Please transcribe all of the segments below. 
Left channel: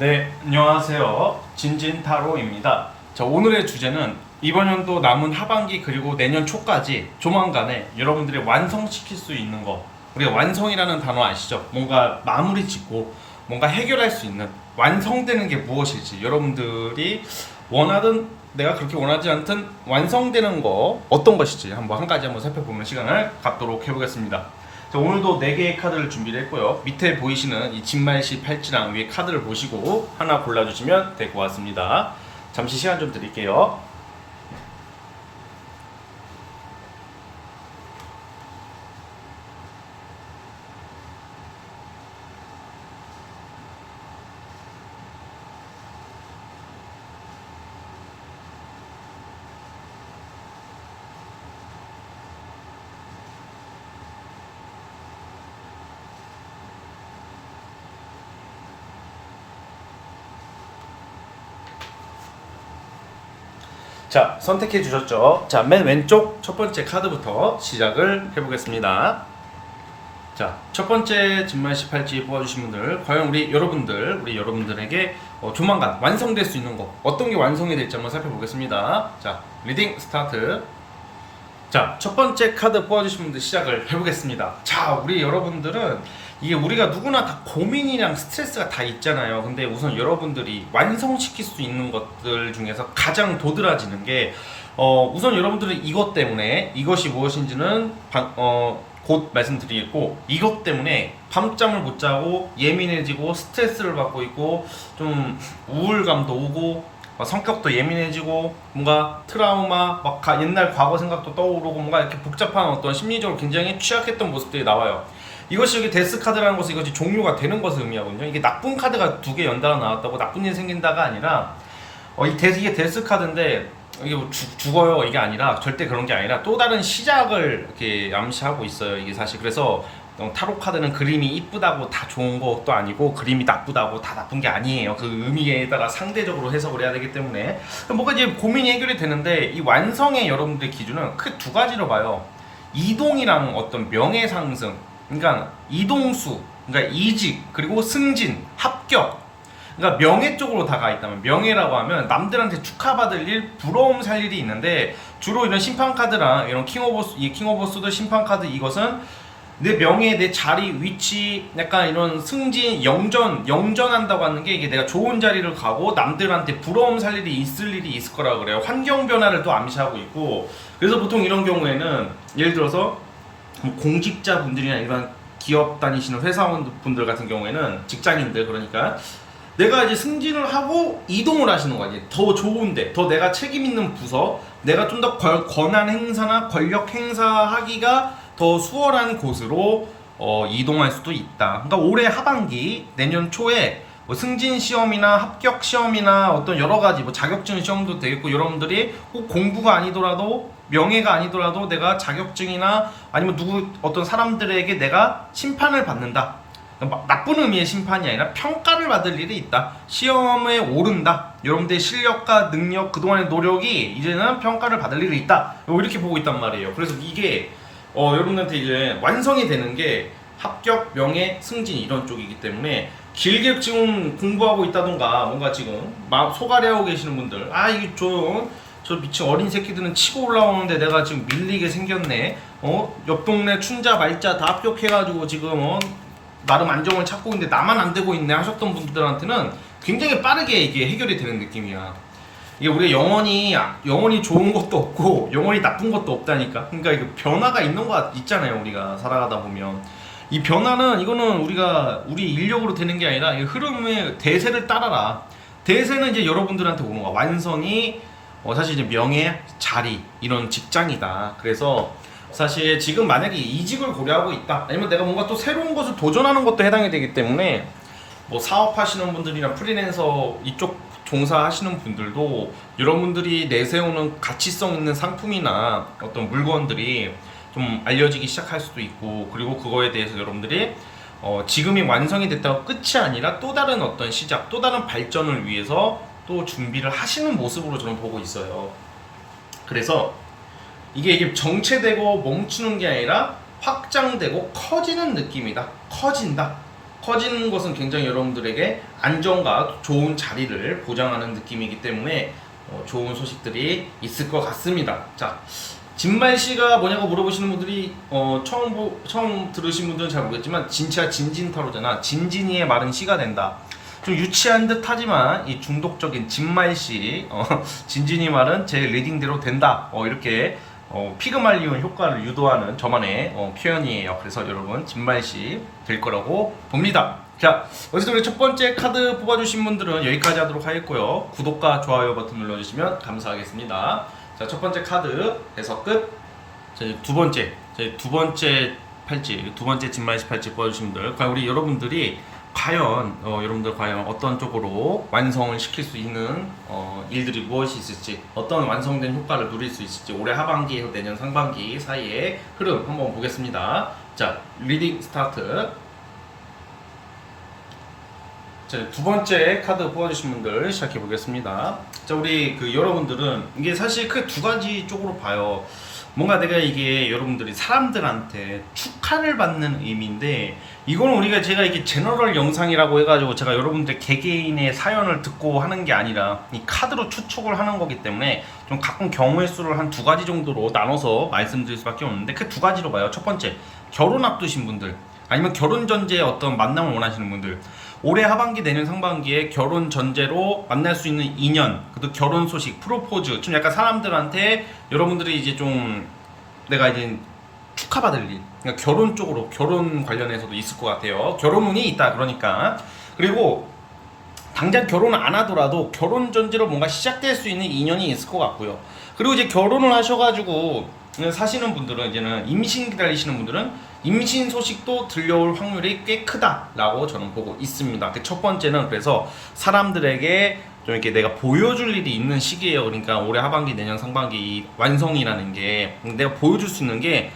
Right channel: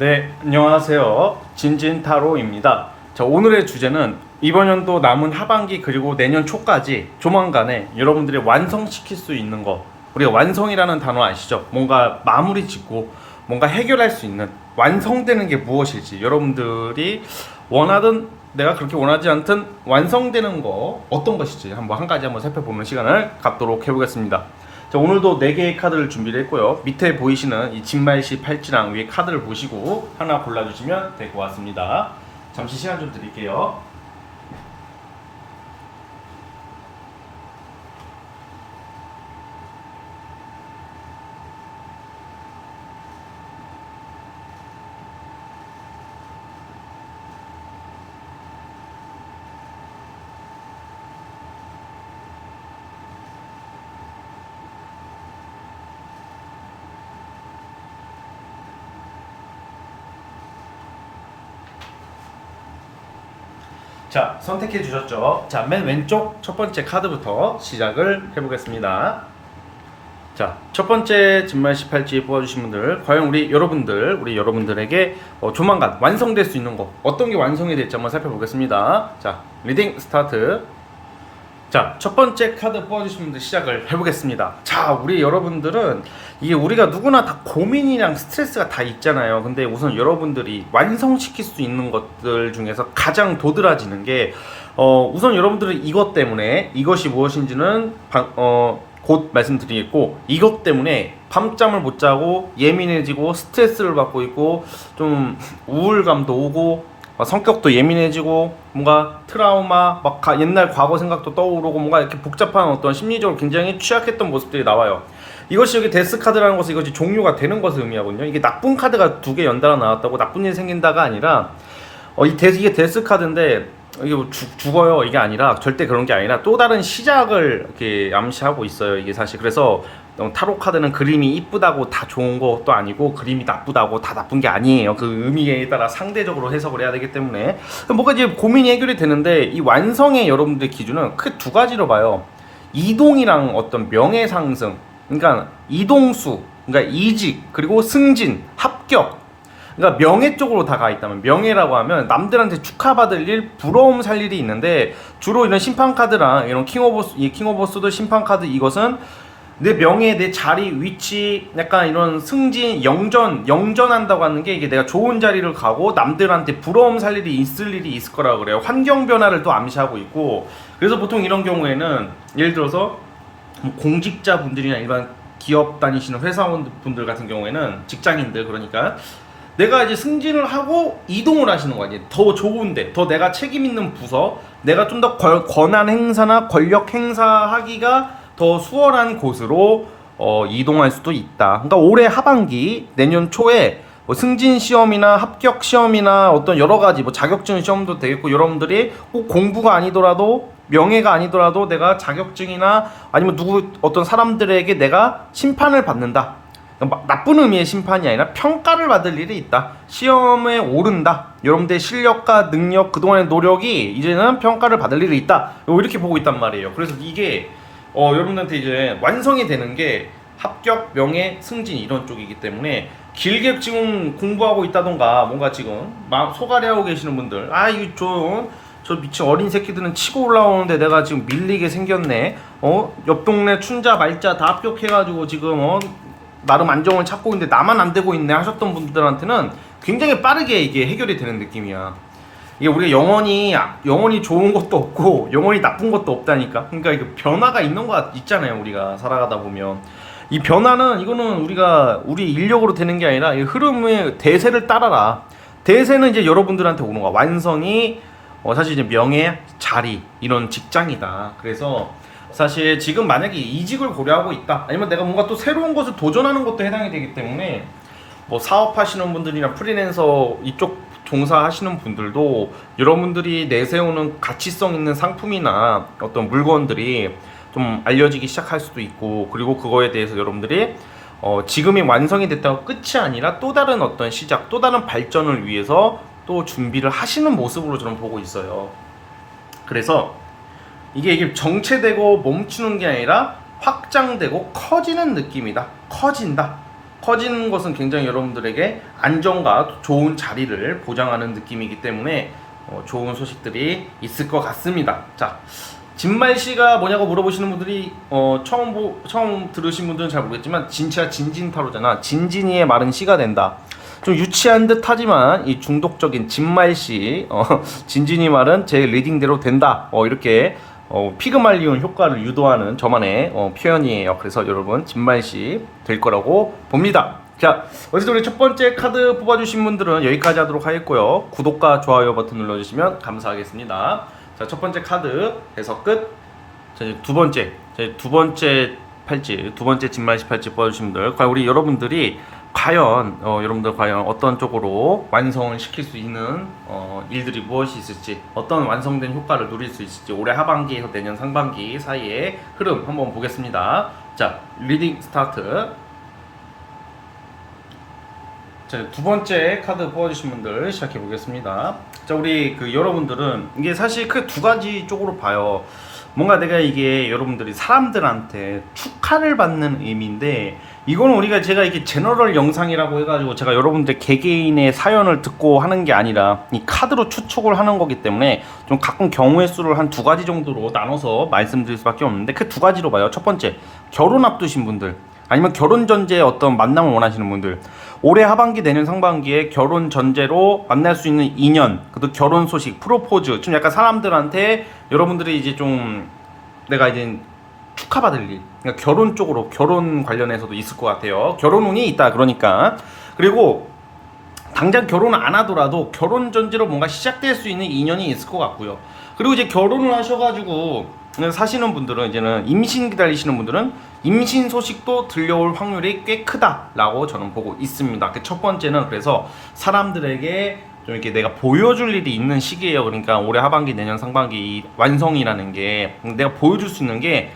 네, 안녕하세요. 진진타로입니다. 자, 오늘의 주제는 이번 연도 남은 하반기 그리고 내년 초까지 조만간에 여러분들이 완성시킬 수 있는 거. 우리가 완성이라는 단어 아시죠? 뭔가 마무리 짓고 뭔가 해결할 수 있는 완성되는 게 무엇일지 여러분들이 원하든 내가 그렇게 원하지 않든 완성되는 거 어떤 것일지 한 가지 살펴보는 시간을 갖도록 해보겠습니다. 자, 오늘도 4개의 카드를 준비를 했고요. 밑에 보이시는 이 진말시 팔찌랑 위에 카드를 보시고 하나 골라주시면 될 것 같습니다. 잠시 시간 좀 드릴게요. 자, 선택해 주셨죠? 자, 맨 왼쪽 첫 번째 카드부터 시작을 해보겠습니다. 자, 첫 번째 진말시 팔찌 뽑아주신 분들, 과연 우리 여러분들에게 조만간 완성될 수 있는 거, 어떤 게 완성이 될지 한번 살펴보겠습니다. 자, 리딩 스타트. 자, 첫 번째 카드 뽑아주신 분들 시작을 해보겠습니다. 자, 우리 여러분들은 이게 우리가 누구나 다 고민이랑 스트레스가 다 있잖아요. 근데 우선 여러분들이 완성시킬 수 있는 것들 중에서 가장 도드라지는 게 우선 여러분들은 이것 때문에 이것이 무엇인지는 곧 말씀드리겠고, 이것 때문에 밤잠을 못 자고 예민해지고 스트레스를 받고 있고 좀 우울감도 오고 성격도 예민해지고 뭔가 트라우마 막 옛날 과거 생각도 떠오르고 뭔가 이렇게 복잡한 어떤 심리적으로 굉장히 취약했던 모습들이 나와요. 이것이 여기 데스 카드라는 것은 이것이 종료가 되는 것을 의미하거든요. 이게 나쁜 카드가 2개 연달아 나왔다고 나쁜 일이 생긴다가 아니라 이게 데스 카드인데 이게 뭐 죽어요 이게 아니라 절대 그런 게 아니라 또 다른 시작을 이렇게 암시하고 있어요. 이게 사실 그래서 타로 카드는 그림이 이쁘다고 다 좋은 것도 아니고 그림이 나쁘다고 다 나쁜 게 아니에요. 그 의미에 따라 상대적으로 해석을 해야 되기 때문에 뭔가 이제 고민이 해결이 되는데 이 완성의 여러분들의 기준은 크게 2가지로 봐요. 이동이랑 어떤 명예 상승, 그러니까 이동수, 그러니까 이직 그리고 승진, 합격. 그러니까 명예 쪽으로 다 가 있다면, 명예라고 하면 남들한테 축하받을 일, 부러움 살 일이 있는데 주로 이런 심판 카드랑 이런 킹 오브 소드 심판 카드, 이것은 내 명예, 내 자리, 위치, 약간 이런 승진, 영전한다고 하는 게 이게 내가 좋은 자리를 가고 남들한테 부러움 살 일이 있을 거라고 그래요. 환경 변화를 또 암시하고 있고, 그래서 보통 이런 경우에는 예를 들어서 공직자 분들이나 일반 기업 다니시는 회사원분들 같은 경우에는 직장인들, 그러니까 내가 이제 승진을 하고 이동을 하시는 거야. 이제 더 좋은데, 더 내가 책임 있는 부서, 내가 좀 더 권한 행사나 권력 행사하기가 더 수월한 곳으로 이동할 수도 있다. 그러니까 올해 하반기, 내년 초에 승진 시험이나 합격 시험이나 어떤 여러 가지 자격증 시험도 되겠고, 여러분들이 꼭 공부가 아니더라도 명예가 아니더라도 내가 자격증이나 아니면 어떤 사람들에게 내가 심판을 받는다. 나쁜 의미의 심판이 아니라 평가를 받을 일이 있다. 시험에 오른다. 여러분들의 실력과 능력, 그동안의 노력이 이제는 평가를 받을 일이 있다. 이렇게 보고 있단 말이에요. 그래서 이게 여러분한테 이제 완성이 되는 게 합격, 명예, 승진 이런 쪽이기 때문에 길게 지금 공부하고 있다던가 뭔가 지금 막 소가리하고 계시는 분들, 저 미친 어린 새끼들은 치고 올라오는데 내가 지금 밀리게 생겼네. 옆 동네 춘자 말자 다 합격해가지고 지금 나름 안정을 찾고 있는데 나만 안 되고 있네 하셨던 분들한테는 굉장히 빠르게 이게 해결이 되는 느낌이야. 이게 우리가 영원히 좋은 것도 없고 영원히 나쁜 것도 없다니까. 그러니까 이거 변화가 있는 거 있잖아요. 우리가 살아가다 보면 이 변화는, 이거는 우리 인력으로 되는 게 아니라 이 흐름의 대세를 따라라. 대세는 이제 여러분들한테 오는 거야. 완성이 사실 이제 명예, 자리, 이런 직장이다. 그래서 사실 지금 만약에 이직을 고려하고 있다, 아니면 내가 뭔가 또 새로운 것을 도전하는 것도 해당이 되기 때문에 사업하시는 분들이나 프리랜서 이쪽 종사하시는 분들도 여러분들이 내세우는 가치성 있는 상품이나 어떤 물건들이 좀 알려지기 시작할 수도 있고, 그리고 그거에 대해서 여러분들이 지금이 완성이 됐다고 끝이 아니라 또 다른 어떤 시작, 또 다른 발전을 위해서 또 준비를 하시는 모습으로 저는 보고 있어요. 그래서 이게 정체되고 멈추는 게 아니라 확장되고 커지는 느낌이다. 커진다. 커지는 것은 굉장히 여러분들에게 안정과 좋은 자리를 보장하는 느낌이기 때문에 좋은 소식들이 있을 것 같습니다. 자, 진말씨가 뭐냐고 물어보시는 분들이 처음 들으신 분들은 잘 모르겠지만 진짜 진진타로잖아. 진진이의 말은 씨가 된다. 좀 유치한 듯 하지만 이 중독적인 진말씨 진진이 말은 제 리딩대로 된다. 이렇게 피그말리온 효과를 유도하는 저만의 표현이에요. 그래서 여러분 진말씨 될 거라고 봅니다. 자, 어쨌든 우리 첫 번째 카드 뽑아주신 분들은 여기까지 하도록 하겠고요. 구독과 좋아요 버튼 눌러주시면 감사하겠습니다. 자, 첫 번째 카드 해석 끝. 자, 두 번째 팔찌, 두 번째 진말씨 팔찌 뽑아주신 분들, 과연 우리 여러분들이 여러분들 과연 어떤 쪽으로 완성을 시킬 수 있는 일들이 무엇이 있을지, 어떤 완성된 효과를 누릴 수 있을지, 올해 하반기에서 내년 상반기 사이의 흐름 한번 보겠습니다. 자, 리딩 스타트. 자, 두 번째 카드 뽑아주신 분들 시작해 보겠습니다. 자, 우리 여러분들은 이게 사실 크게 두 가지 쪽으로 봐요. 뭔가 내가 이게 여러분들이 사람들한테 축하를 받는 의미인데, 이거는 제가 이게 제너럴 영상이라고 해가지고 제가 여러분들 개개인의 사연을 듣고 하는 게 아니라 이 카드로 추측을 하는 거기 때문에 좀 가끔 경우의 수를 한 두 가지 정도로 나눠서 말씀드릴 수밖에 없는데, 그 두 가지로 봐요. 첫 번째, 결혼 앞두신 분들, 아니면 결혼 전제의 어떤 만남을 원하시는 분들, 올해 하반기 내년 상반기에 결혼 전제로 만날 수 있는 인연, 그리고 결혼 소식, 프로포즈, 좀 약간 사람들한테 여러분들이 이제 좀 내가 이제 축하받을 일, 그러니까 결혼 쪽으로, 결혼 관련해서도 있을 것 같아요. 결혼 운이 있다, 그러니까. 그리고 당장 결혼을 안 하더라도 결혼 전제로 뭔가 시작될 수 있는 인연이 있을 것 같고요. 그리고 이제 결혼을 하셔가지고 사시는 분들은, 이제는 임신 기다리시는 분들은 임신 소식도 들려올 확률이 꽤 크다라고 저는 보고 있습니다. 첫 번째는 그래서 사람들에게 좀 이렇게 내가 보여줄 일이 있는 시기예요. 그러니까 올해 하반기 내년 상반기 완성이라는 게 내가 보여줄 수 있는 게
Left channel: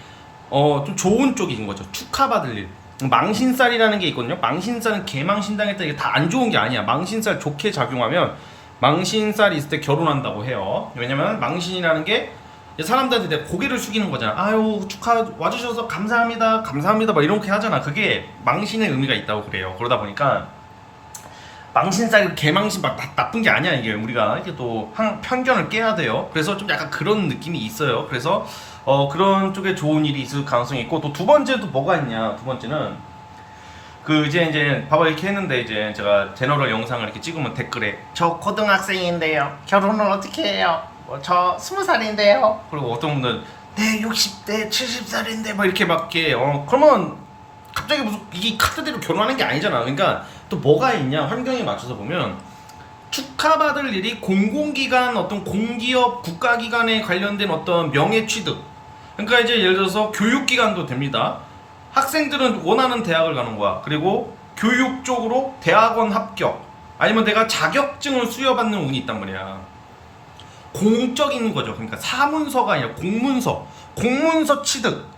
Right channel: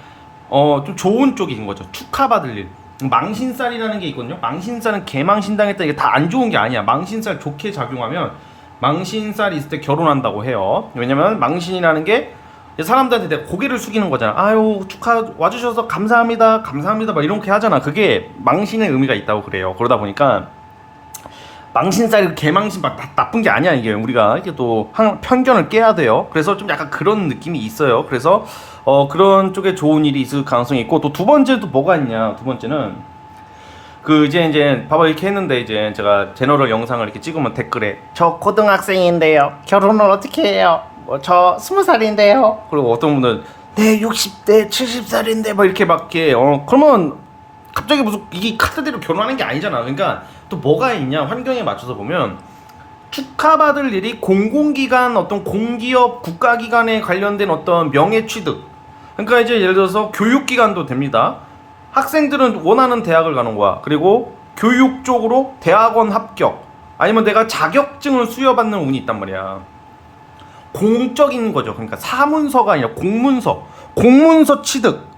좀 좋은 쪽인 거죠. 축하받을 일. 망신살이라는 게 있거든요. 망신살은 개망신당했다, 이게 다 안 좋은 게 아니야. 망신살 좋게 작용하면, 망신살이 있을 때 결혼한다고 해요. 왜냐면 망신이라는 게 사람들한테 내가 고개를 숙이는 거잖아. 아유, 축하 와주셔서 감사합니다, 감사합니다, 막 이렇게 하잖아. 그게 망신의 의미가 있다고 그래요. 그러다 보니까 망신살, 개망신 막 나쁜 게 아니야. 이게 우리가 이게 또 편견을 깨야 돼요. 그래서 좀 약간 그런 느낌이 있어요. 그래서 그런 쪽에 좋은 일이 있을 가능성이 있고, 또 두 번째도 뭐가 있냐. 두 번째는 이제 봐봐, 이렇게 했는데 이제 제가 제너럴 영상을 이렇게 찍으면 댓글에 저 고등학생인데요, 결혼을 어떻게 해요? 저 20살인데요. 그리고 어떤 분들은 네 60대 70살인데 막 이렇게 밖에 그러면 갑자기 무슨 이게 카드대로 결혼하는 게 아니잖아. 그러니까 또 뭐가 있냐, 환경에 맞춰서 보면 축하받을 일이 공공기관, 어떤 공기업, 국가기관에 관련된 어떤 명예 취득, 그러니까 이제 예를 들어서 교육기관도 됩니다. 학생들은 원하는 대학을 가는 거야. 그리고 교육 쪽으로 대학원 합격, 아니면 내가 자격증을 수여받는 운이 있단 말이야. 공적인 거죠. 그러니까 사문서가 아니라 공문서 취득,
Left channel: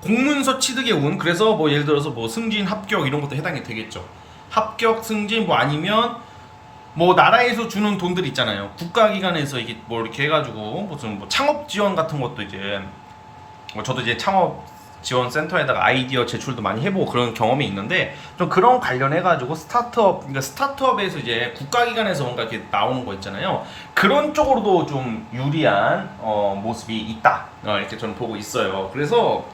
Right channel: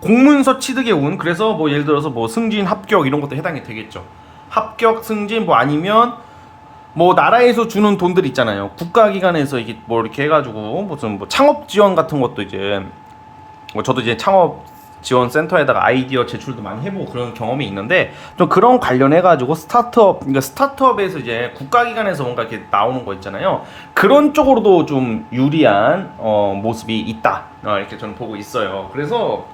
공문서 취득의 운. 그래서 뭐 예를 들어서 뭐 승진, 합격 이런 것도 해당이 되겠죠. 합격, 승진, 뭐 아니면 뭐 나라에서 주는 돈들 있잖아요. 국가기관에서 이게 뭐 이렇게 해가지고 무슨 뭐 창업 지원 같은 것도 이제 뭐 저도 이제 창업 지원 센터에다가 아이디어 제출도 많이 해보고 그런 경험이 있는데, 좀 그런 관련해가지고 스타트업, 그러니까 스타트업에서 이제 국가기관에서 뭔가 이렇게 나오는 거 있잖아요. 그런 쪽으로도 좀 유리한 모습이 있다, 이렇게 저는 보고 있어요. 그래서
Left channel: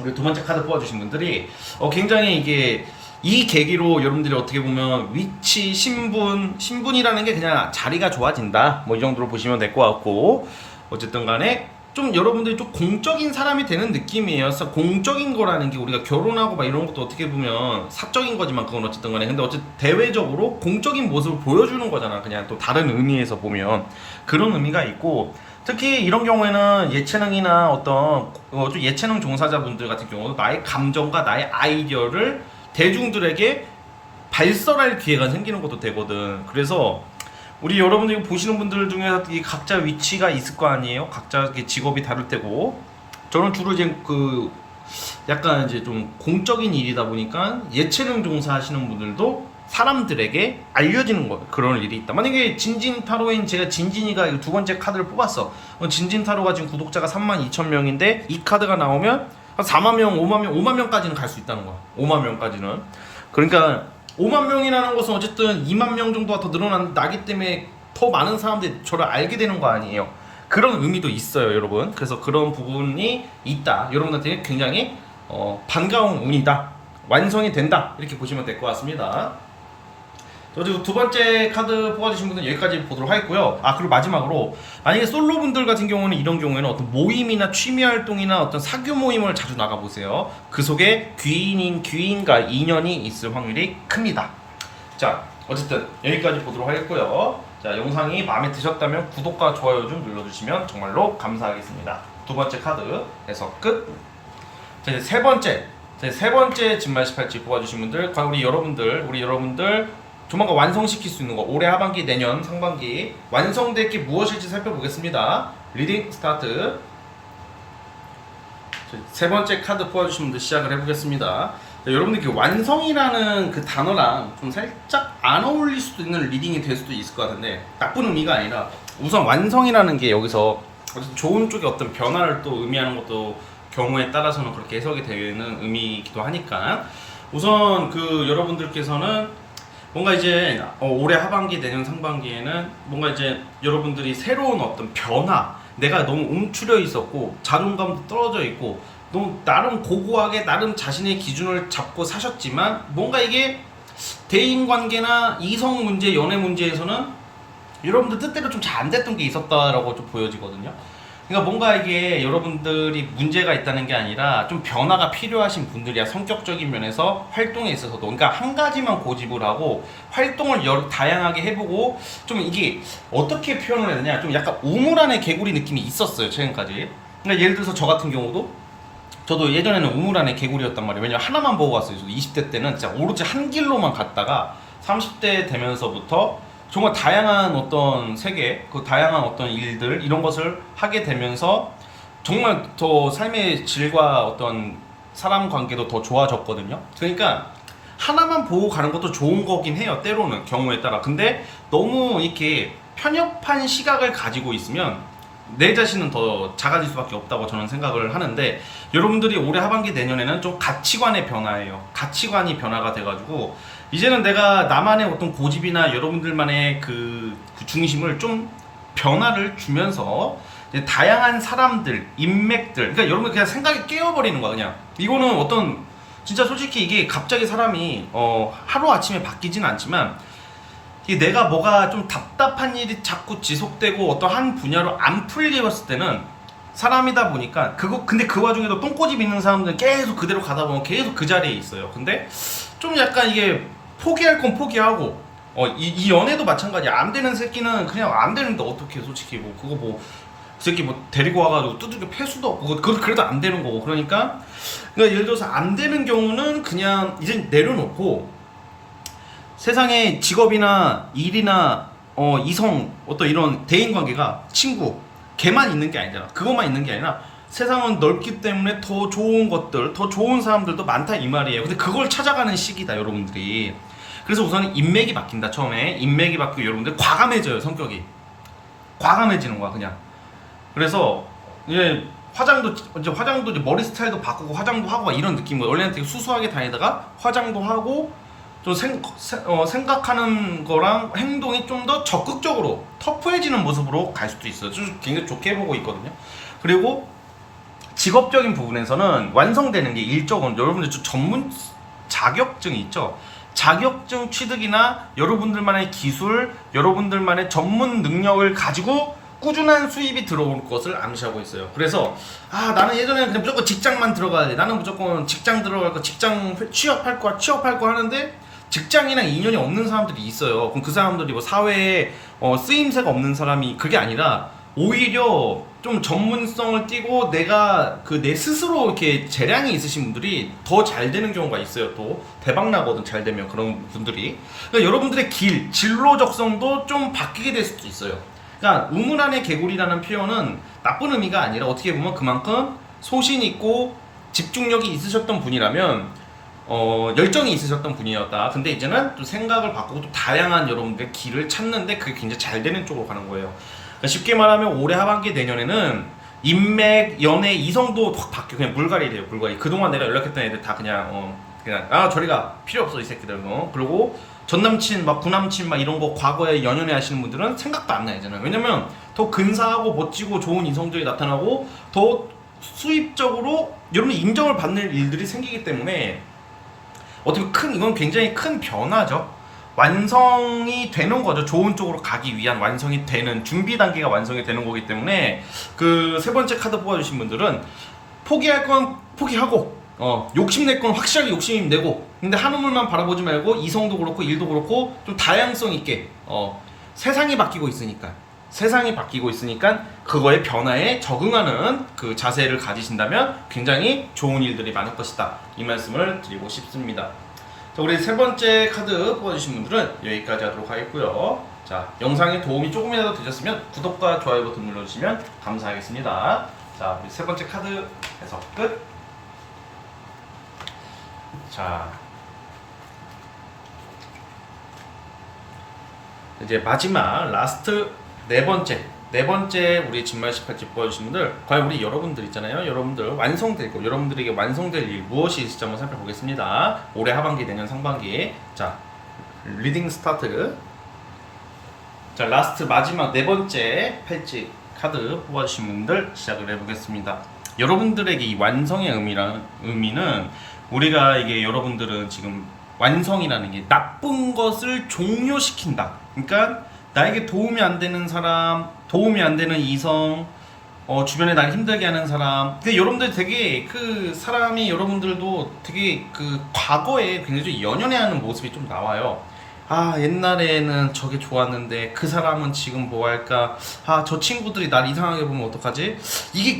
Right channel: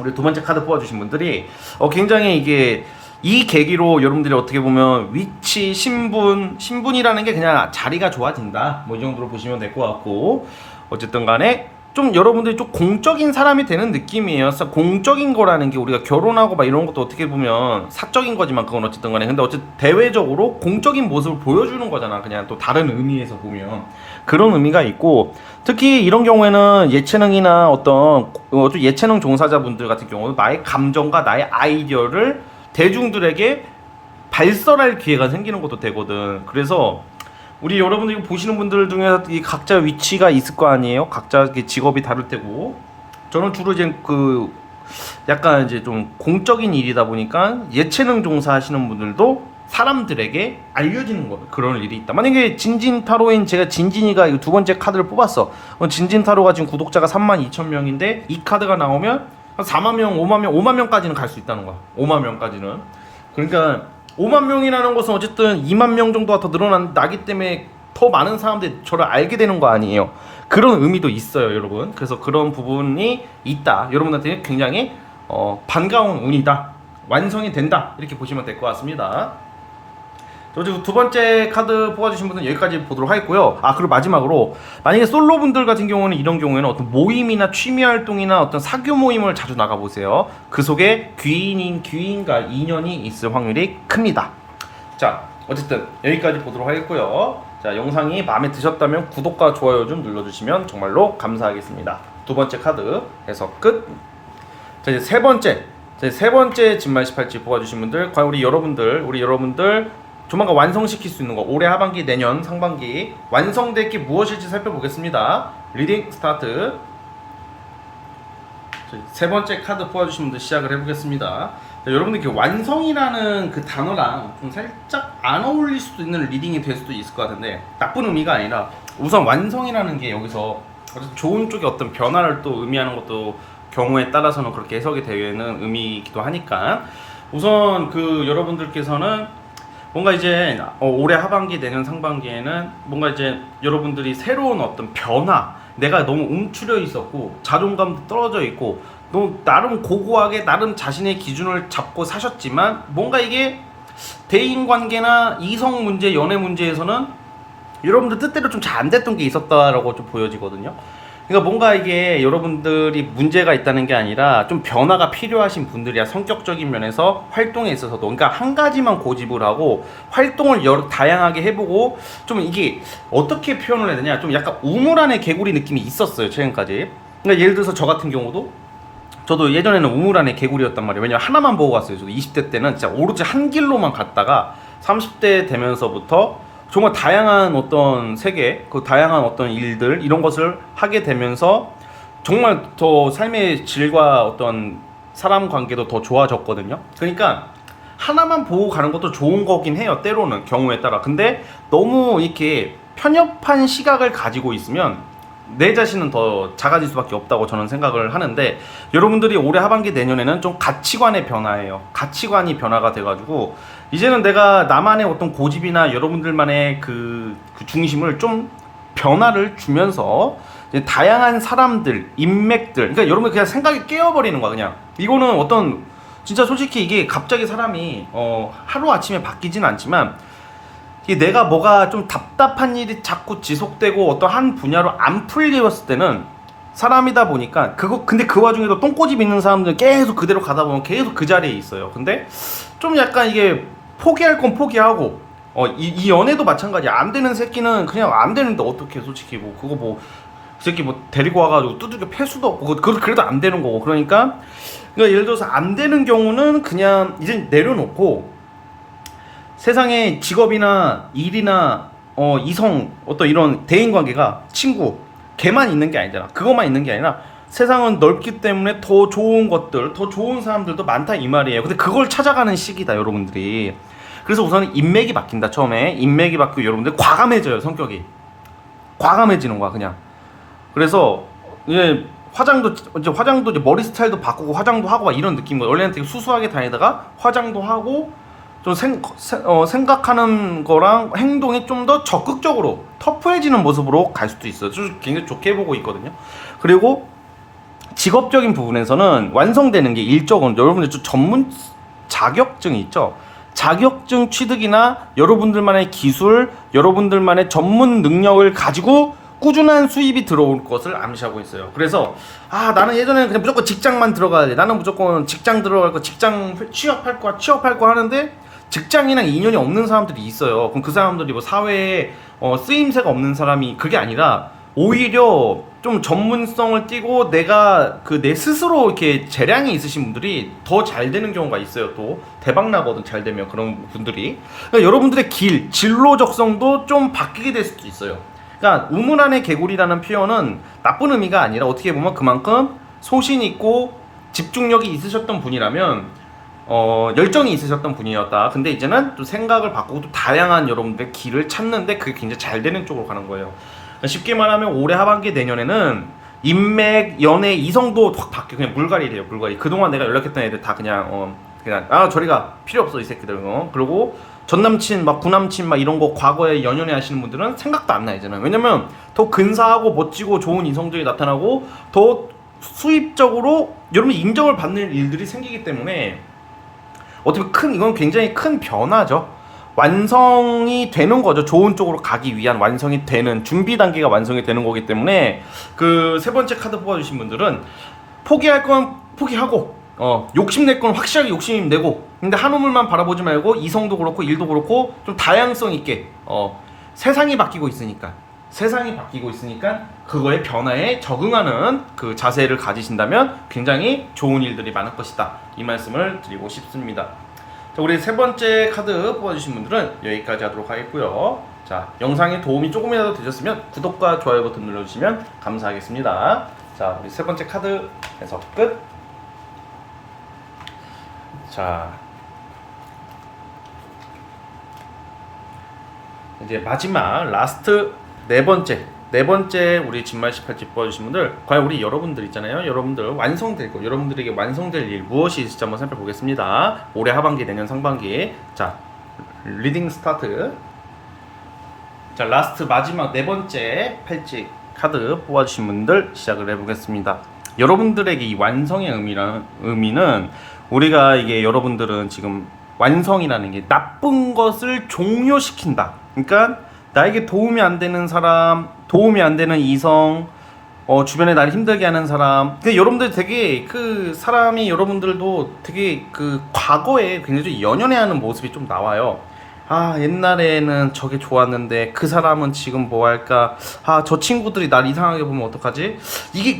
우리 두 번째 카드 뽑아주신 분들이 굉장히 이게 이 계기로 여러분들이 어떻게 보면 위치, 신분이라는 게 그냥 자리가 좋아진다, 뭐 이 정도로 보시면 될 것 같고, 어쨌든 간에 좀 여러분들이 좀 공적인 사람이 되는 느낌이에요. 공적인 거라는 게 우리가 결혼하고 막 이런 것도 어떻게 보면 사적인 거지만, 그건 어쨌든 간에 근데 어쨌든 대외적으로 공적인 모습을 보여주는 거잖아. 그냥 또 다른 의미에서 보면 그런 의미가 있고, 특히 이런 경우에는 예체능이나 어떤 예체능 종사자분들 같은 경우는 나의 감정과 나의 아이디어를 대중들에게 발설할 기회가 생기는 것도 되거든. 그래서 우리 여러분들 이거 보시는 분들 중에 이 각자 위치가 있을 거 아니에요? 각자 직업이 다를 테고, 저는 주로 이제 약간 이제 좀 공적인 일이다 보니까 예체능 종사하시는 분들도 사람들에게 알려지는 거, 그런 일이 있다. 만약에 진진타로인 제가 진진이가 두 번째 카드를 뽑았어. 진진타로가 지금 구독자가 32,000명인데 이 카드가 나오면 한 4만 명, 5만 명까지는 갈 수 있다는 거야. 5만 명까지는. 그러니까 5만 명이라는 것은 어쨌든 2만 명 정도가 더 늘어나기 때문에 더 많은 사람들이 저를 알게 되는 거 아니에요. 그런 의미도 있어요, 여러분. 그래서 그런 부분이 있다. 여러분한테 굉장히 반가운 운이다. 완성이 된다. 이렇게 보시면 될 것 같습니다. 그리고 두 번째 카드 뽑아주신 분은 여기까지 보도록 하겠고요. 그리고 마지막으로 만약에 솔로분들 같은 경우는 이런 경우에는 어떤 모임이나 취미 활동이나 어떤 사교 모임을 자주 나가보세요. 그 속에 귀인과 인연이 있을 확률이 큽니다. 자, 어쨌든 여기까지 보도록 하겠고요. 자, 영상이 마음에 드셨다면 구독과 좋아요 좀 눌러주시면 정말로 감사하겠습니다. 두 번째 카드에서 끝. 자, 이제 세 번째 진말 18지 뽑아주신 분들, 과연 우리 여러분들 조만간 완성시킬 수 있는 거, 올해 하반기, 내년 상반기 완성될 게 무엇일지 살펴보겠습니다. 리딩 스타트. 세 번째 카드 뽑아주신 분들 시작을 해보겠습니다. 자, 여러분들 그 완성이라는 그 단어랑 좀 살짝 안 어울릴 수도 있는 리딩이 될 수도 있을 것 같은데, 나쁜 의미가 아니라 우선 완성이라는 게 여기서 어쨌든 좋은 쪽에 어떤 변화를 또 의미하는 것도 경우에 따라서는 그렇게 해석이 되는 의미이기도 하니까, 우선 그 여러분들께서는 뭔가 이제 올해 하반기 내년 상반기에는 뭔가 이제 여러분들이 새로운 어떤 변화, 내가 너무 움츠려 있었고 자존감도 떨어져 있고 너무 나름 고고하게 나름 자신의 기준을 잡고 사셨지만, 뭔가 이게 대인관계나 이성 문제, 연애 문제에서는 여러분들 뜻대로 좀 잘 안 됐던 게 있었다라고 좀 보여지거든요. 그러니까 뭔가 이게 여러분들이 문제가 있다는 게 아니라 좀 변화가 필요하신 분들이야. 성격적인 면에서 활동에 있어서도. 그러니까 한 가지만 고집을 하고 활동을 다양하게 해보고, 좀 이게 어떻게 표현을 해야 되냐, 좀 약간 우물 안에 개구리 느낌이 있었어요, 최근까지. 그러니까 예를 들어서 저 같은 경우도, 저도 예전에는 우물 안에 개구리였단 말이에요. 왜냐면 하나만 보고 갔어요. 저도 20대 때는 진짜 오로지 한 길로만 갔다가 30대 되면서부터 정말 다양한 어떤 세계, 그 다양한 어떤 일들, 이런 것을 하게 되면서 정말 더 삶의 질과 어떤 사람 관계도 더 좋아졌거든요. 그러니까 하나만 보고 가는 것도 좋은 거긴 해요, 때로는, 경우에 따라. 근데 너무 이렇게 편협한 시각을 가지고 있으면 내 자신은 더 작아질 수밖에 없다고 저는 생각을 하는데, 여러분들이 올해 하반기 내년에는 좀 가치관의 변화예요. 가치관이 변화가 돼가지고 이제는 내가 나만의 어떤 고집이나 여러분들만의 그 중심을 좀 변화를 주면서 다양한 사람들, 인맥들, 그러니까 여러분 그냥 생각이 깨어버리는 거야. 그냥 이거는 어떤, 진짜 솔직히 이게 갑자기 사람이 하루 아침에 바뀌진 않지만, 내가 뭐가 좀 답답한 일이 자꾸 지속되고 어떤 한 분야로 안 풀리었을 때는 사람이다 보니까 근데 그 와중에도 똥꼬집 있는 사람들은 계속 그대로 가다 보면 계속 그 자리에 있어요. 근데 좀 약간 이게 포기할 건 포기하고, 이 연애도 마찬가지야. 안 되는 새끼는 그냥 안 되는데 어떻게, 솔직히 뭐 그거 뭐 그 새끼 뭐 데리고 와가지고 두들겨 패 수도 없고, 그래도 안 되는 거고. 그러니까 예를 들어서 안 되는 경우는 그냥 이제 내려놓고, 세상에 직업이나 일이나 이성, 어떤 이런 대인관계가, 친구, 걔만 있는 게 아니잖아. 그것만 있는 게 아니라 세상은 넓기 때문에 더 좋은 것들, 더 좋은 사람들도 많다, 이 말이에요. 근데 그걸 찾아가는 시기다, 여러분들이. 그래서 우선 인맥이 바뀐다. 처음에 인맥이 바뀌고 여러분들 과감해져요. 성격이 과감해지는 거야, 그냥. 그래서 이제 화장도 이제 머리 스타일도 바꾸고 화장도 하고 막 이런 느낌. 원래는 되게 수수하게 다니다가 화장도 하고 좀 생각하는 거랑 행동이 좀 더 적극적으로 터프해지는 모습으로 갈 수도 있어요. 굉장히 좋게 보고 있거든요. 그리고 직업적인 부분에서는 완성되는 게 일적으로, 여러분들 좀 전문 자격증이 있죠. 자격증 취득이나 여러분들만의 기술, 여러분들만의 전문 능력을 가지고 꾸준한 수입이 들어올 것을 암시하고 있어요. 그래서 나는 예전에는 그냥 무조건 직장만 들어가야 돼, 나는 무조건 직장 들어갈 거, 직장 취업할 거 하는데, 직장이랑 인연이 없는 사람들이 있어요. 그럼 그 사람들이 뭐 사회에 쓰임새가 없는 사람이, 그게 아니라 오히려 좀 전문성을 띠고 내가 내 스스로 이렇게 재량이 있으신 분들이 더 잘 되는 경우가 있어요. 또 대박 나거든, 잘 되면. 그런 분들이, 그러니까 여러분들의 진로 적성도 좀 바뀌게 될 수도 있어요. 그러니까 우물 안의 개구리라는 표현은 나쁜 의미가 아니라, 어떻게 보면 그만큼 소신 있고 집중력이 있으셨던 분이라면 열정이 있으셨던 분이었다. 근데 이제는 또 생각을 바꾸고 또 다양한 여러분들의 길을 찾는데 그게 굉장히 잘 되는 쪽으로 가는 거예요. 그러니까 쉽게 말하면 올해 하반기 내년에는 인맥, 연애, 이성도 확 바뀌고 그냥 물갈이 돼요. 물갈이. 그동안 내가 연락했던 애들 다 그냥 그냥 저리가 필요 없어 이 새끼들. 그리고 전남친 막 구남친 막 이런 거 과거에 연연해 하시는 분들은 생각도 안 나잖아요. 왜냐면 더 근사하고 멋지고 좋은 이성들이 나타나고 더 수입적으로 여러분 인정을 받는 일들이 생기기 때문에 어떻게 이건 굉장히 큰 변화죠. 완성이 되는 거죠. 좋은 쪽으로 가기 위한 완성이 되는 준비 단계가 완성이 되는 거기 때문에 그 세 번째 카드 뽑아주신 분들은 포기할 건 포기하고 욕심낼 건 확실하게 욕심내고, 근데 한 우물만 바라보지 말고 이성도 그렇고 일도 그렇고 좀 다양성 있게 세상이 바뀌고 있으니까 그거의 변화에 적응하는 그 자세를 가지신다면 굉장히 좋은 일들이 많을 것이다, 이 말씀을 드리고 싶습니다. 자, 우리 세 번째 카드 뽑아주신 분들은 여기까지 하도록 하겠고요. 자, 영상에 도움이 조금이라도 되셨으면 구독과 좋아요 버튼 눌러주시면 감사하겠습니다. 자, 우리 세 번째 카드에서 끝. 자, 이제 마지막 라스트 네 번째 우리 진말식 팔찌 뽑아주신 분들, 과연 우리 여러분들 있잖아요. 여러분들 완성될 거, 여러분들에게 완성될 일 무엇이 있을지 한번 살펴보겠습니다. 올해 하반기, 내년 상반기. 자, 리딩 스타트. 자, 라스트 마지막 네 번째 팔찌 카드 뽑아주신 분들 시작을 해보겠습니다. 여러분들에게 이 완성의 의미는 우리가 이게 여러분들은 지금 완성이라는 게 나쁜 것을 종료시킨다. 그러니까 나에게 도움이 안 되는 사람, 도움이 안 되는 이성, 주변에 나를 힘들게 하는 사람. 근데 여러분들 되게 그 사람이 여러분들도 되게 그 과거에 굉장히 연연해하는 모습이 좀 나와요. 옛날에는 저게 좋았는데 그 사람은 지금 뭐 할까? 저 친구들이 날 이상하게 보면 어떡하지?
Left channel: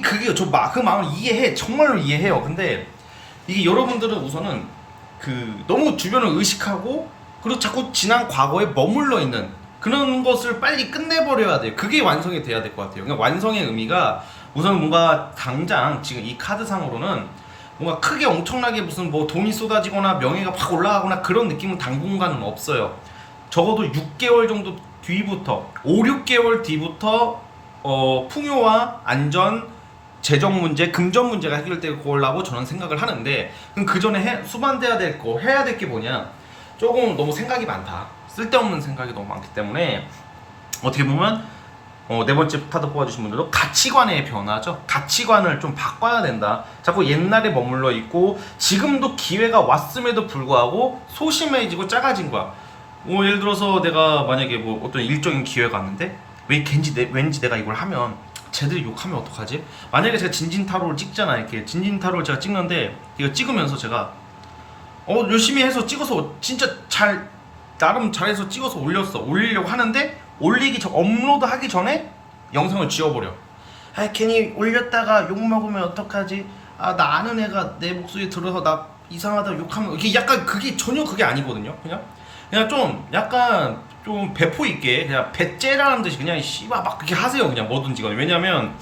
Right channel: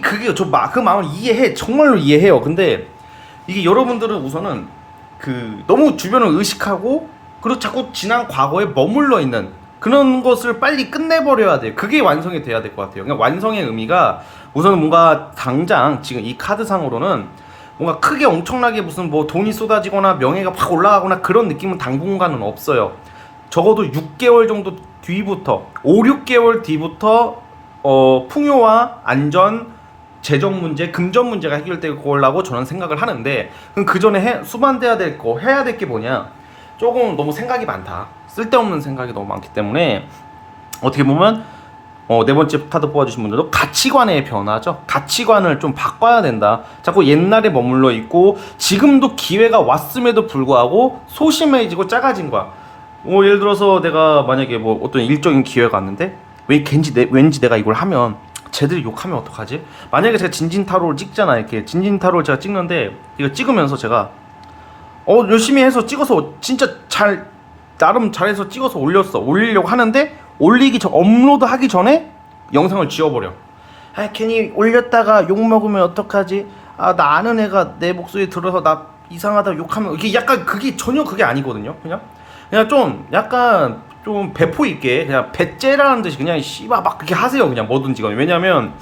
그 마음을 이해해. 정말로 이해해요. 근데 이게 여러분들은 우선은 그 너무 주변을 의식하고 그리고 자꾸 지난 과거에 머물러 있는 그런 것을 빨리 끝내버려야 돼. 그게 완성이 돼야 될 것 같아요. 그러니까 완성의 의미가 우선은 뭔가 당장 지금 이 카드상으로는 뭔가 크게 엄청나게 무슨 뭐 돈이 쏟아지거나 명예가 확 올라가거나 그런 느낌은 당분간은 없어요. 적어도 6개월 정도 뒤부터 5, 6개월 뒤부터 풍요와 안전, 재정 문제, 금전 문제가 해결될 거라고 저는 생각을 하는데, 그럼 그 전에 수반돼야 될 거, 해야 될 게 뭐냐? 조금 너무 생각이 많다. 쓸데없는 생각이 너무 많기 때문에 어떻게 보면 네 번째 카드 뽑아주신 분들도 가치관의 변화죠. 가치관을 좀 바꿔야 된다. 자꾸 옛날에 머물러 있고 지금도 기회가 왔음에도 불구하고 소심해지고 작아진 거야. 예를 들어서 내가 만약에 뭐 어떤 일적인 기회가 왔는데 왠지 내가 이걸 하면 쟤들이 욕하면 어떡하지? 만약에 제가 진진타로를 찍잖아. 이렇게 진진타로를 제가 찍는데 이거 찍으면서 제가 열심히 해서 찍어서 진짜 나름 잘해서 찍어서 올리려고 하는데 업로드 하기 전에 영상을 지워버려. 괜히 올렸다가 욕먹으면 어떡하지? 나 아는 애가 내 목소리 들어서 나 이상하다 욕하면, 이게 약간 그게 전혀 그게 아니거든요. 그냥 좀 약간 좀 배포 있게 그냥 배째라는 듯이 그냥 씨발 막 그렇게 하세요. 그냥 뭐든지. 왜냐면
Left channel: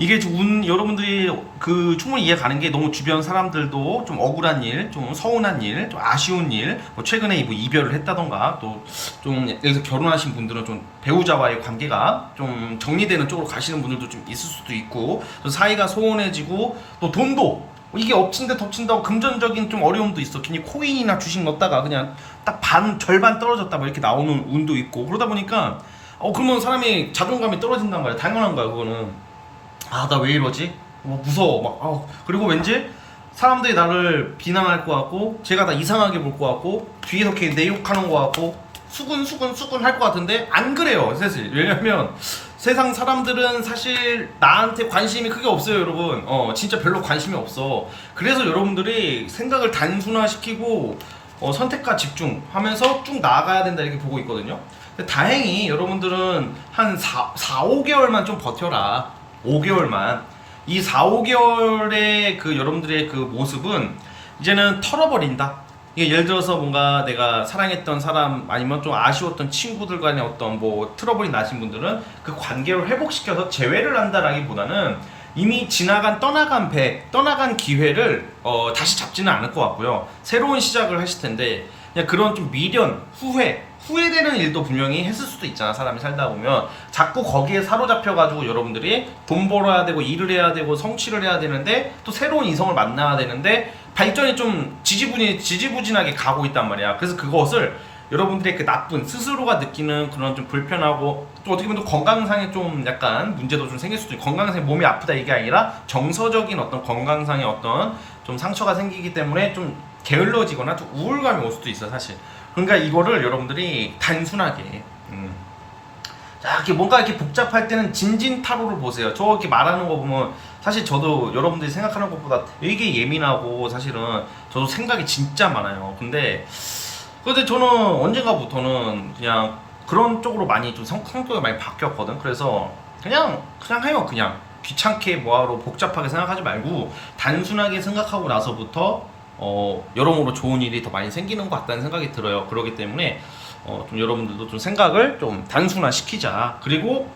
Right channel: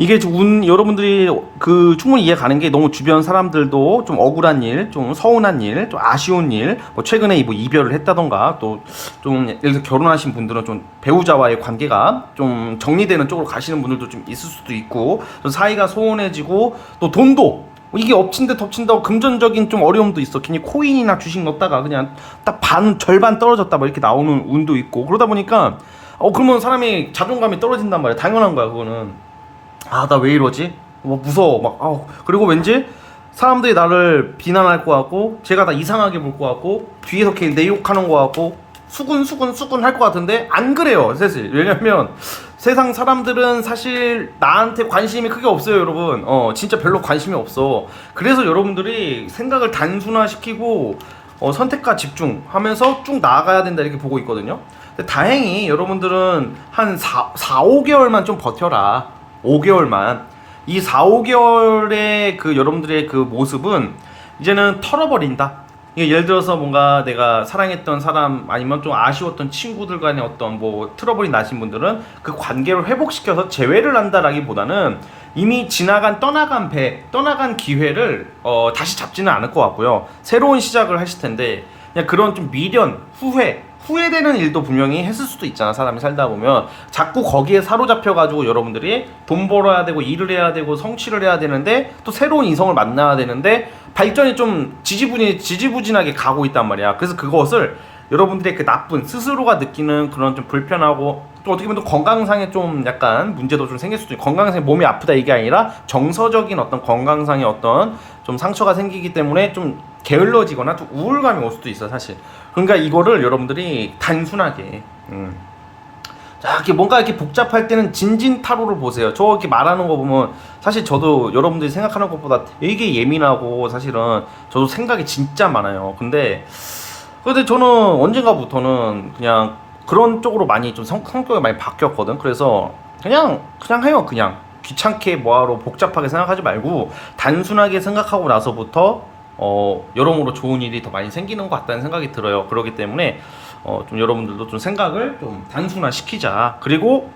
이게 여러분들이 그 충분히 이해 가는 게, 너무 주변 사람들도 좀 억울한 일, 좀 서운한 일, 좀 아쉬운 일, 뭐 최근에 뭐 이별을 했다던가, 또 좀 예를 들어 결혼하신 분들은 좀 배우자와의 관계가 좀 정리되는 쪽으로 가시는 분들도 좀 있을 수도 있고, 또 사이가 소원해지고, 또 돈도 이게 엎친데 덮친다고 금전적인 좀 어려움도 있어. 괜히 코인이나 주식 넣었다가 그냥 딱 절반 떨어졌다 뭐 이렇게 나오는 운도 있고, 그러다 보니까 그러면 사람이 자존감이 떨어진단 말이야. 당연한 거야 그거는. 나 왜 이러지? 무서워. 그리고 왠지 사람들이 나를 비난할 것 같고, 제가 다 이상하게 볼 것 같고, 뒤에서 이렇게 내 욕하는 것 같고, 수군 할 것 같은데 안 그래요 사실. 왜냐면 세상 사람들은 사실 나한테 관심이 크게 없어요 여러분. 진짜 별로 관심이 없어. 그래서 여러분들이 생각을 단순화시키고 선택과 집중하면서 쭉 나아가야 된다 이렇게 보고 있거든요. 근데 다행히 여러분들은 한 4-5개월만 좀 버텨라. 5개월만. 이 4-5개월의 그 여러분들의 그 모습은 이제는 털어버린다. 예를 들어서 뭔가 내가 사랑했던 사람, 아니면 좀 아쉬웠던 친구들 간의 어떤 뭐 트러블이 나신 분들은 그 관계를 회복시켜서 재회를 한다라기보다는 이미 떠나간 기회를 다시 잡지는 않을 것 같고요. 새로운 시작을 하실 텐데, 그냥 그런 좀 미련, 후회되는 일도 분명히 했을 수도 있잖아. 사람이 살다 보면 자꾸 거기에 사로잡혀가지고 여러분들이 돈 벌어야 되고 일을 해야 되고 성취를 해야 되는데 또 새로운 이성을 만나야 되는데 발전이 좀 지지부진하게 가고 있단 말이야. 그래서 그것을 여러분들의 그 나쁜 스스로가 느끼는 그런 좀 불편하고 또 어떻게 보면 또 건강상에 좀 약간 문제도 좀 생길 수도 있고, 건강상에 몸이 아프다 이게 아니라 정서적인 어떤 건강상의 어떤 좀 상처가 생기기 때문에 좀 게을러지거나 또 우울감이 올 수도 있어 사실. 그러니까 이거를 여러분들이 단순하게 자, 이렇게 뭔가 이렇게 복잡할 때는 진진타로로 보세요. 저 이렇게 말하는 거 보면 사실 저도 여러분들이 생각하는 것보다 되게 예민하고 사실은 저도 생각이 진짜 많아요. 근데 저는 언젠가부터는 그냥 그런 쪽으로 많이 좀 성격이 많이 바뀌었거든. 그래서 그냥 해요. 그냥 귀찮게 뭐하러 복잡하게 생각하지 말고 단순하게 생각하고 나서부터 여러모로 좋은 일이 더 많이 생기는 것 같다는 생각이 들어요. 그렇기 때문에 좀 여러분들도 좀 생각을 좀 단순화시키자. 그리고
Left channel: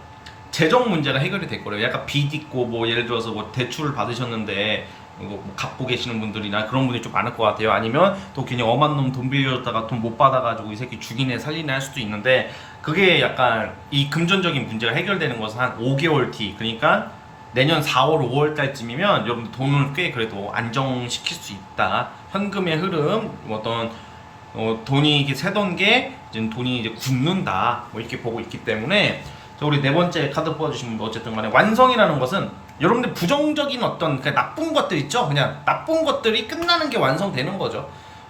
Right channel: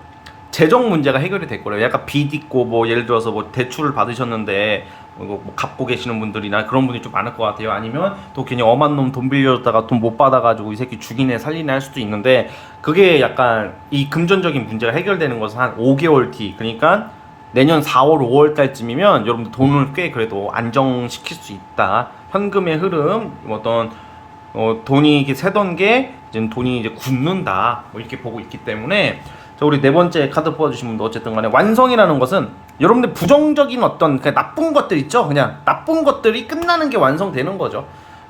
재정 문제가 해결이 될 거예요. 약간 빚 있고 뭐 예를 들어서 뭐 대출을 받으셨는데 뭐 갚고 계시는 분들이나 그런 분이 좀 많을 것 같아요. 아니면 또 괜히 엄한 놈 돈 빌려줬다가 돈 못 받아가지고 이 새끼 죽이네 살리네 할 수도 있는데, 그게 약간 이 금전적인 문제가 해결되는 것은 한 5개월 뒤, 그러니까 내년 4월 5월 달쯤이면 여러분들 돈을 꽤 그래도 안정시킬 수 있다. 현금의 흐름, 어떤 돈이 이렇게 새던 게 이제 돈이 이제 굳는다, 뭐 이렇게 보고 있기 때문에. 자, 우리 네 번째 카드 뽑아주신 분도 어쨌든 간에 완성이라는 것은 여러분들 부정적인 어떤 그냥 나쁜 것들 있죠. 그냥 나쁜 것들이 끝나는 게 완성되는 거죠.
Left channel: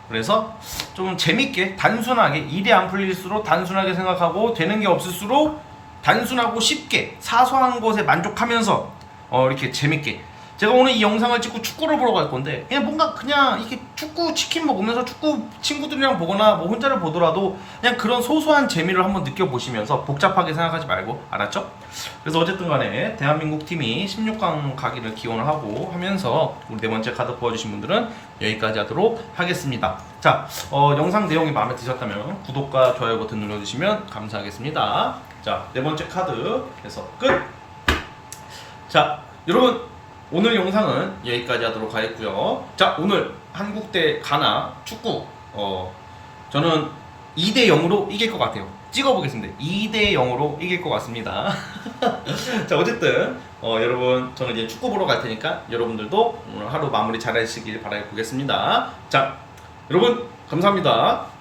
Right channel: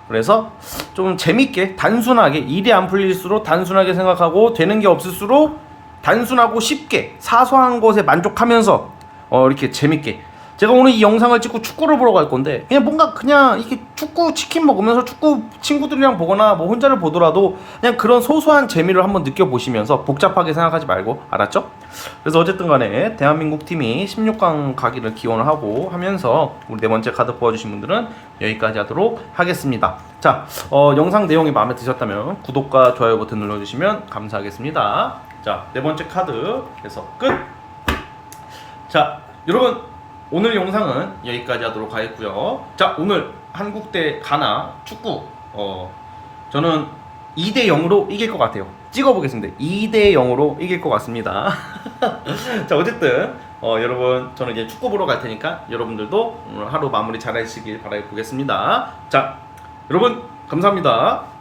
그래서 좀 재밌게 단순하게, 일이 안 풀릴수록 단순하게 생각하고 되는 게 없을수록 단순하고 쉽게 사소한 것에 만족하면서 이렇게 재밌게. 제가 오늘 이 영상을 찍고 축구를 보러 갈 건데 그냥 뭔가 그냥 이렇게 축구 치킨 먹으면서 축구 친구들이랑 보거나 뭐 혼자를 보더라도 그냥 그런 소소한 재미를 한번 느껴보시면서 복잡하게 생각하지 말고, 알았죠? 그래서 어쨌든 간에 대한민국 팀이 16강 가기를 기원을 하고 하면서 우리 네 번째 카드 뽑아주신 분들은 여기까지 하도록 하겠습니다. 자, 영상 내용이 마음에 드셨다면 구독과 좋아요 버튼 눌러주시면 감사하겠습니다. 자, 네 번째 카드 해서 끝! 자, 여러분 오늘 영상은 여기까지 하도록 하겠고요. 자, 오늘 한국 대 가나 축구 저는 2대 0으로 이길 것 같아요. 찍어보겠습니다. 2대 0으로 이길 것 같습니다. 자, 어쨌든 여러분 저는 이제 축구 보러 갈 테니까 여러분들도 오늘 하루 마무리 잘 하시길 바라보겠습니다. 자, 여러분 감사합니다.